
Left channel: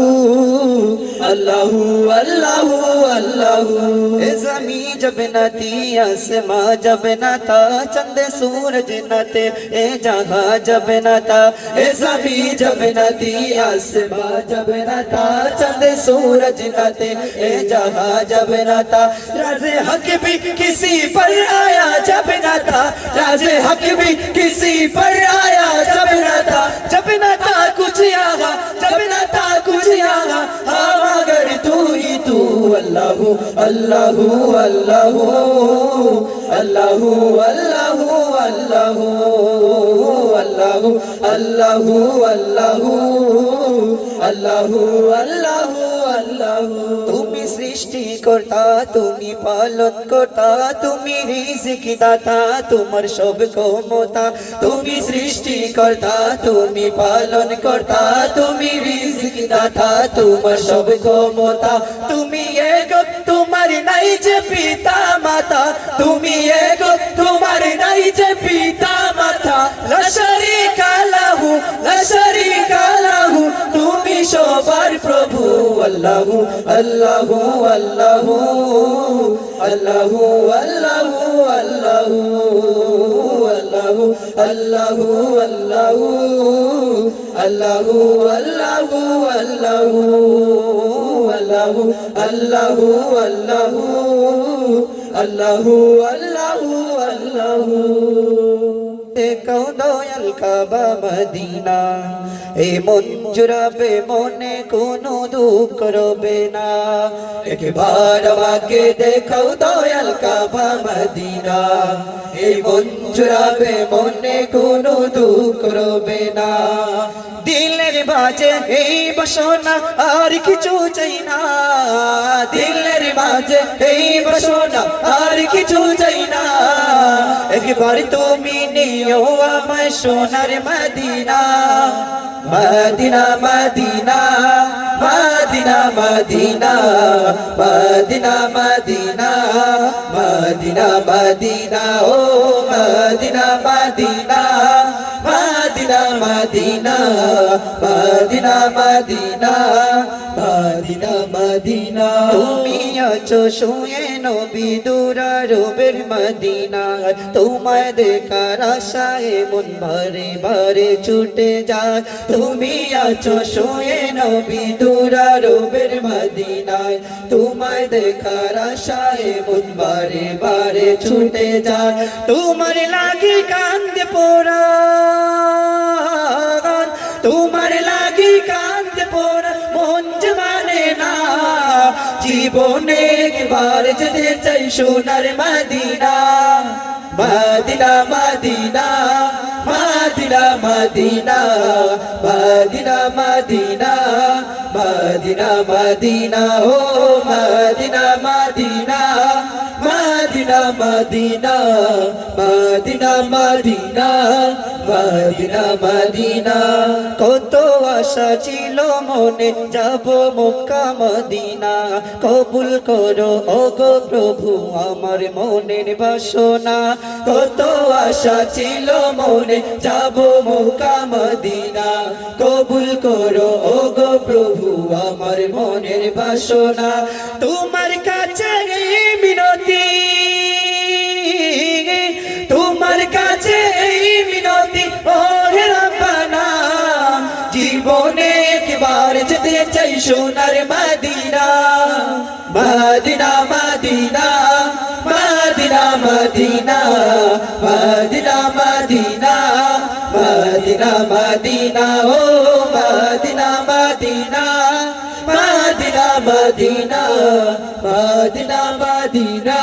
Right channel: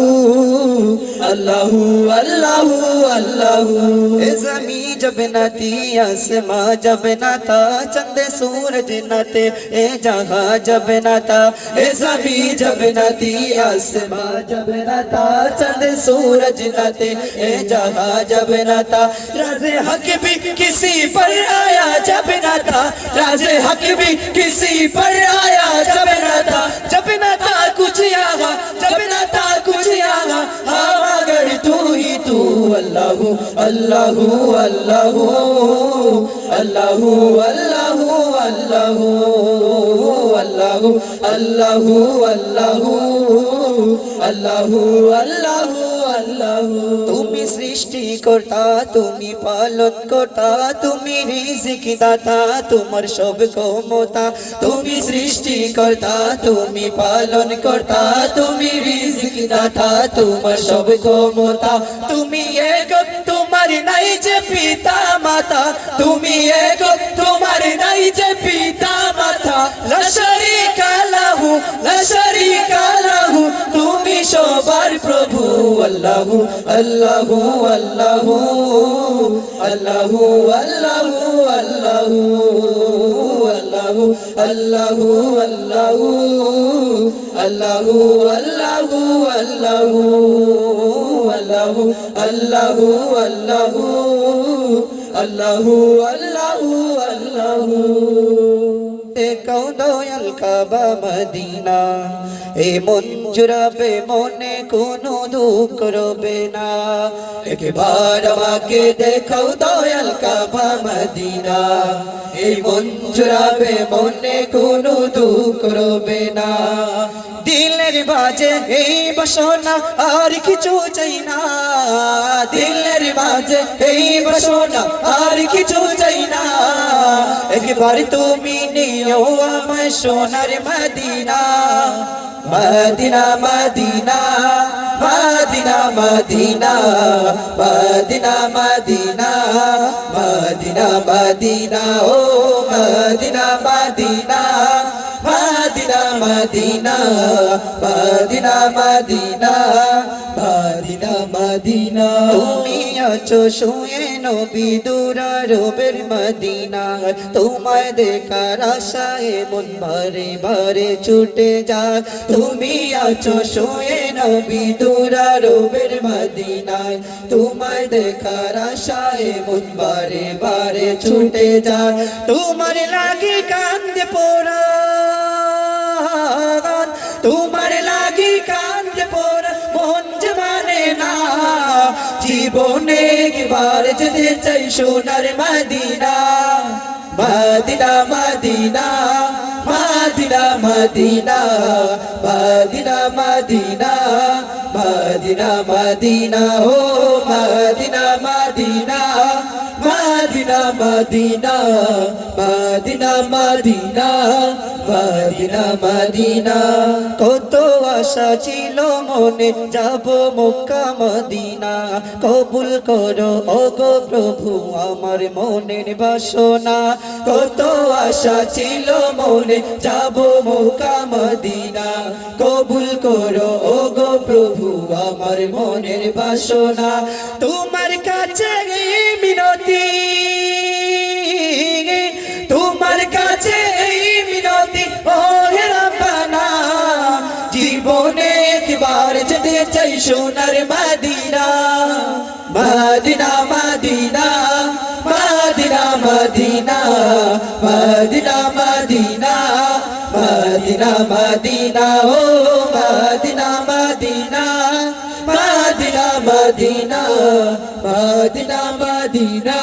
আল্লাহু আল্লাহু আল্লাহু এ জমি जब न थी आसमां जब न था चंद सूरज न थे ए जहां जब न था ए जमी जब न थी आसमां जब न था चंद सूरज न थे ए जहां जब न था राज़े हक भी किसी पर आया जब न था राज़े हक भी किसी पर आया जब न था कुछ आगा जब न था कुछ आगा हाँ मगर तू ही तू अल्लाहू আল্লাহু আল্লাহু আল্লাহু আল্লাহু আল্লাহু আল্লাহু আল্লাহু আল্লাহু আল্লাহু আল্লাহু আল্লাহু তুমি সৃষ্টিকর্তা তুমি পালনকর্তা তুমি রিজিক দাতা তোমার সব ক্ষমতা তুমি সৃষ্টিকর্তা তুমি পালনকর্তা তুমি রিজিক দাতা তোমার সব ক্ষমতা তুমি এক তোমার নাই যে পিতা মাতা তুমি এক তোমার নাই যে পিতা মাতা লা শারীকা লাহু লা শারীকা লাহু তুমি সবার প্রভু আল্লাহু আল্লাহু আল্লাহু আল্লাহু আল্লাহু আল্লাহু আল্লাহু আল্লাহু আল্লাহু আল্লাহু আল্লাহু আল্লাহু আল্লাহু আল্লাহু আল্লাহু আল্লাহু আল্লাহু দেখো দয়াল কাবা মদিনা এ মন জুড়াবে মনে কোনো দুঃখ রবে না একবার আমাকে দেখো দয়াল কাবা মদিনা এই মন জুড়াবে মনে কোনো দুঃখ রবে না দিলের বাজে এই বাসনা আর কিছু চাই না দিলের বাজে এই বাসনা আর কিছু চাই না একবার তুমি নিও আমায় সোনার Medina Medina Medina Medina Medina Medina Medina Medina Medina ও Medina Medina Medina Medina Medina Medina Medina Medina তুমি আছো শুয়ে নবী দুরারবের মদিনা তোমায় দেখার আশায় মন বারে বারে ছুটে যায় তুমি আছো শুয়ে নবী দুরারবের মদিনা তোমায় দেখার আশায় মন বারে বারে ছুটে যায় তোমার লাগে কান্দে পোড়া তোমার লাগি কান্দে পোড়া মন যে মানে না জীবনে একবার যেতে চাই সোনার Medina Medina Medina Medina Medina Medina Medina Medina Medina ও Medina Medina Medina Medina Medina Medina Medina Medina কত আশা ছিল মনে যাব মক্কা মদিনা কবুল করো ওগো প্রভু আমার মনের বাসনা কত আশা ছিল মনে যাব মক্কা মদিনা কবুল করো ওগো প্রভু আমার মনের বাসনা তোমার কাছে মিনতি তোমার কাছে মিনতি ওহে রব্বানা জীবনে একবার যেতে চাই সোনার Medina Medina Medina Medina Medina Medina Medina Medina Medina ও Medina Medina Medina Medina Medina Medina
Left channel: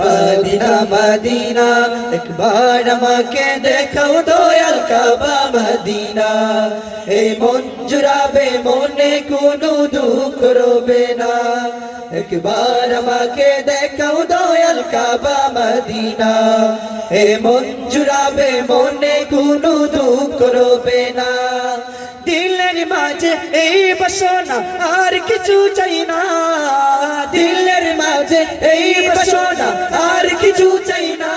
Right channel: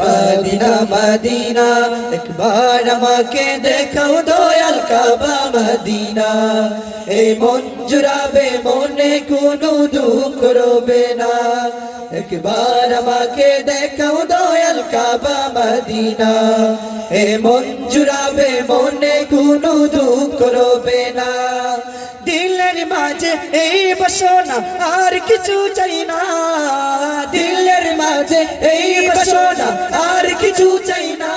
Medina Medina একবার আমাকে দেখাও দয়াল কাবা মদিনা এই মন জুড়াবে মনে কোনো দুঃখ রবে না একবার আমাকে দেখাও দয়াল কাবা মদিনা এই মন জুড়াবে মনে কোনো দুঃখ রবে না দিলের মাঝে এই বাসনা আর কিছু চাই না দিলের মাঝে এই বাসনা আর কিছু চাই না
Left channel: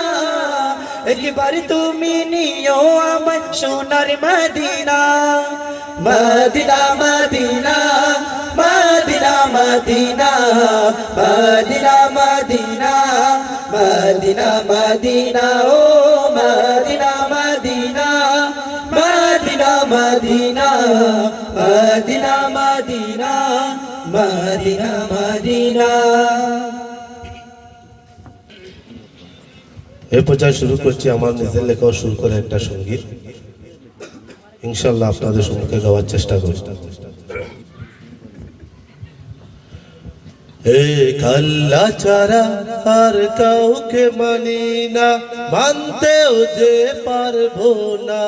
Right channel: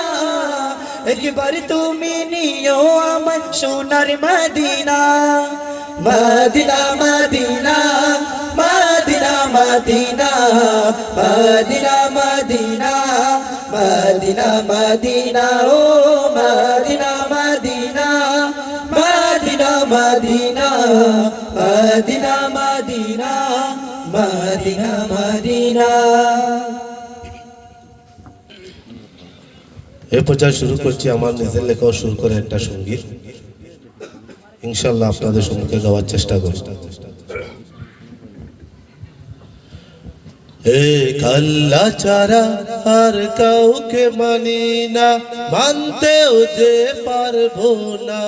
একবার তুমি নিও আমায় সোনার Medina Medina Medina Medina Medina Medina Medina Medina Medina ও Medina Medina Medina Medina Medina Medina Medina Medina এই পর্যায়ে শুরু করছি আমার নিজের লেখাও শুরু করে একটা সঙ্গীত ইনশাআল্লাহ আপনাদের সম্মুখে গাওয়ার চেষ্টা করব এক আল্লাহ ছাড়া আর কাউকে মানি না, মানতেও যে পারবো না।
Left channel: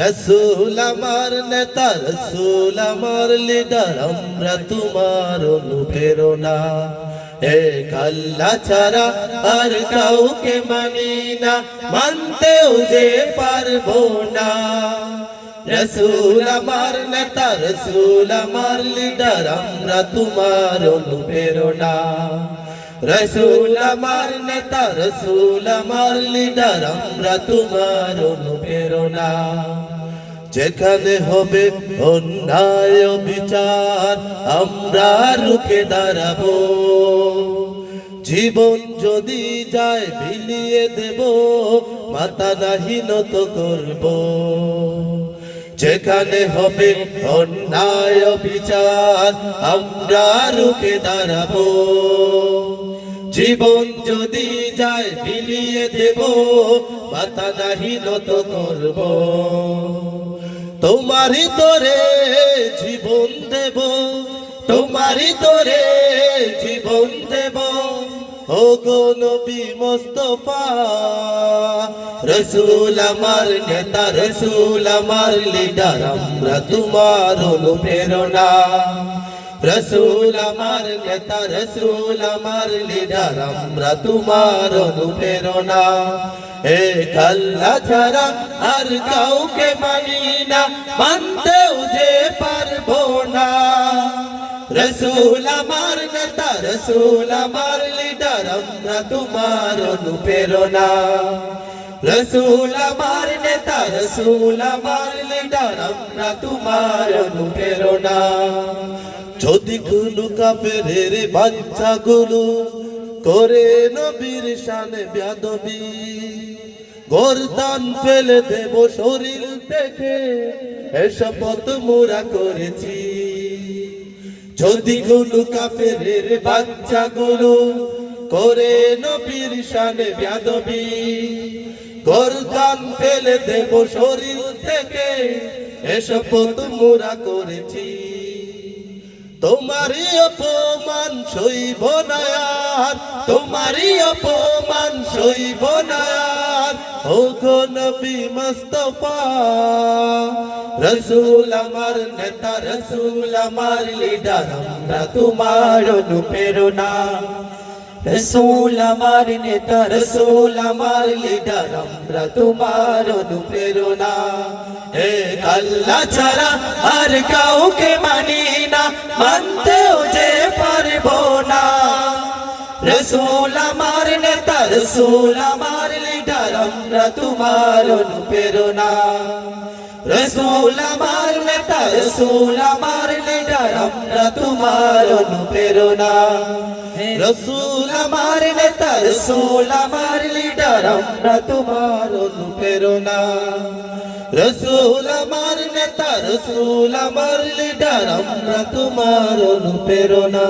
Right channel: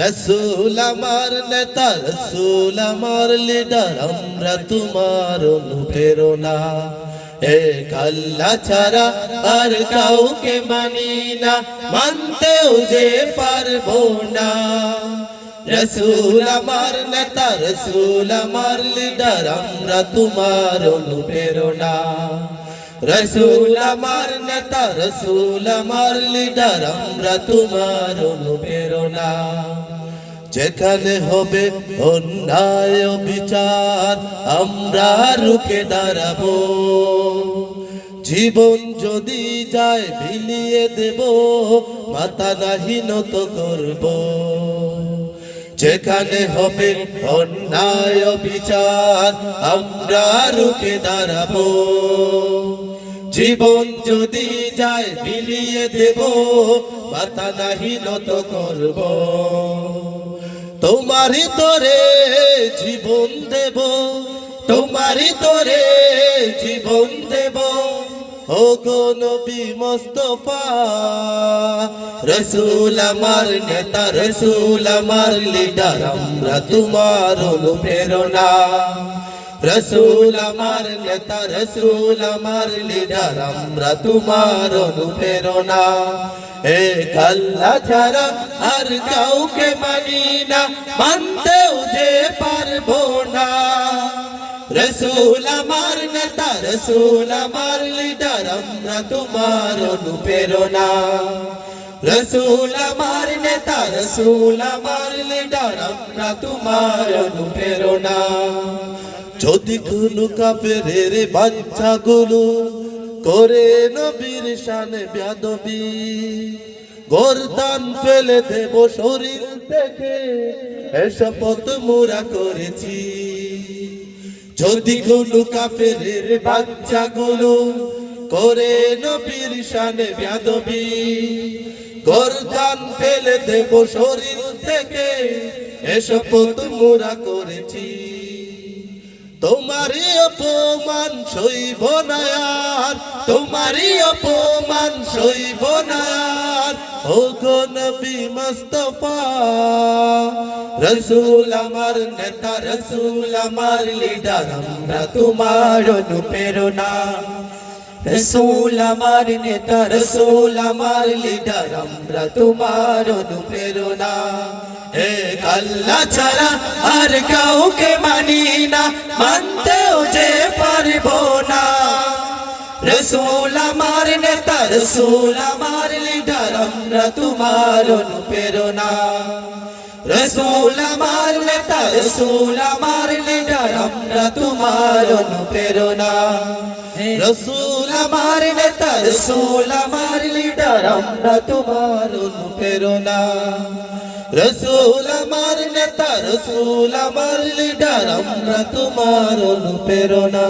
রসুল আমার নেতা, রসুল আমার লিডার, আমরা তোমার অনুপ্রেরণা। এক আল্লাহ ছাড়া আর কাউকে মানি না, মানতেও যে পারবো না। রসুল আমার নেতা, রসুল আমার লিডার, আমরা তোমার অনুপ্রেরণা। রসুল আমার নেতা, রসুল আমার লিডার, আমরা তোমার অনুপ্রেরণা। যেখানে হবে অন্যায় বিচার, আমরা রুখে দাঁড়াবো। জীবন যদি যায় বিলিয়ে দেব, মাথা নাহি নত করব। যেখানে হবে অন্যায় বিচার, আমরা রুখে দাঁড়াবো। জীবন যদি যায় বিলিয়ে দেব, মাথা নাহি নত করব। তোমারই তরে জীবন দেব, তোমারই তরে জীবন দেব। ও গো নবী মুস্তাফা, রসুল আমার নেতা, রসুল আমার লিডার, আমরা তোমার অনুপ্রেরণা। রসুল আমার নেতা, রসুল আমার লিডার, আমরা তোমার অনুপ্রেরণা। এক আল্লাহ ছাড়া আর কাউকে মানি না, মানতেও যে পারবো না। রসুল আমার নেতা, রসুল আমার লিডার, আমরা তোমার অনুপ্রেরণা। রসুল আমার নেতা, রসুল আমার লিডার, আমরা তোমার অনুপ্রেরণা। যদি কোনো কাফেরের বাচ্চাগুলো করে নবীর শানে বেয়াদবি, গর্দান ফেলে দেব শরীর থেকে, এসব মোরা করেছি। যদি কোনো কাফেরের বাচ্চাগুলো করে নবীর শানে বেয়াদবি, গর্দান ফেলে দেব শরীর থেকে, এসব মোরা করেছি। তোমারই অপমান সইব না আর, তোমারই অপমান সইব না আর। ও গো নবী মুস্তাফা, রসুল আমার নেতা, রসুল আমার লিডার, আমরা তোমার অনুপ্রেরণা। রসুল আমার নেতা, রসুল আমার লিডার, আমরা তোমার অনুপ্রেরণা। এক আল্লাহ ছাড়া আর কাউকে মানি না, মানতেও যে পারবো না। রসুল আমার নেতা, রসুল আমার লিডার, আমরা তোমার অনুপ্রেরণা। রসুল আমার নেতা, রসুল আমার লিডার, আমরা তোমার অনুপ্রেরণা। রসুল আমার নেতা, রসুল আমার লিডার, আমরা তোমার অনুপ্রেরণা। রসুল আমার নেতা, রসুল আমার লিডার, আমরা তোমার অনুপ্রেরণা।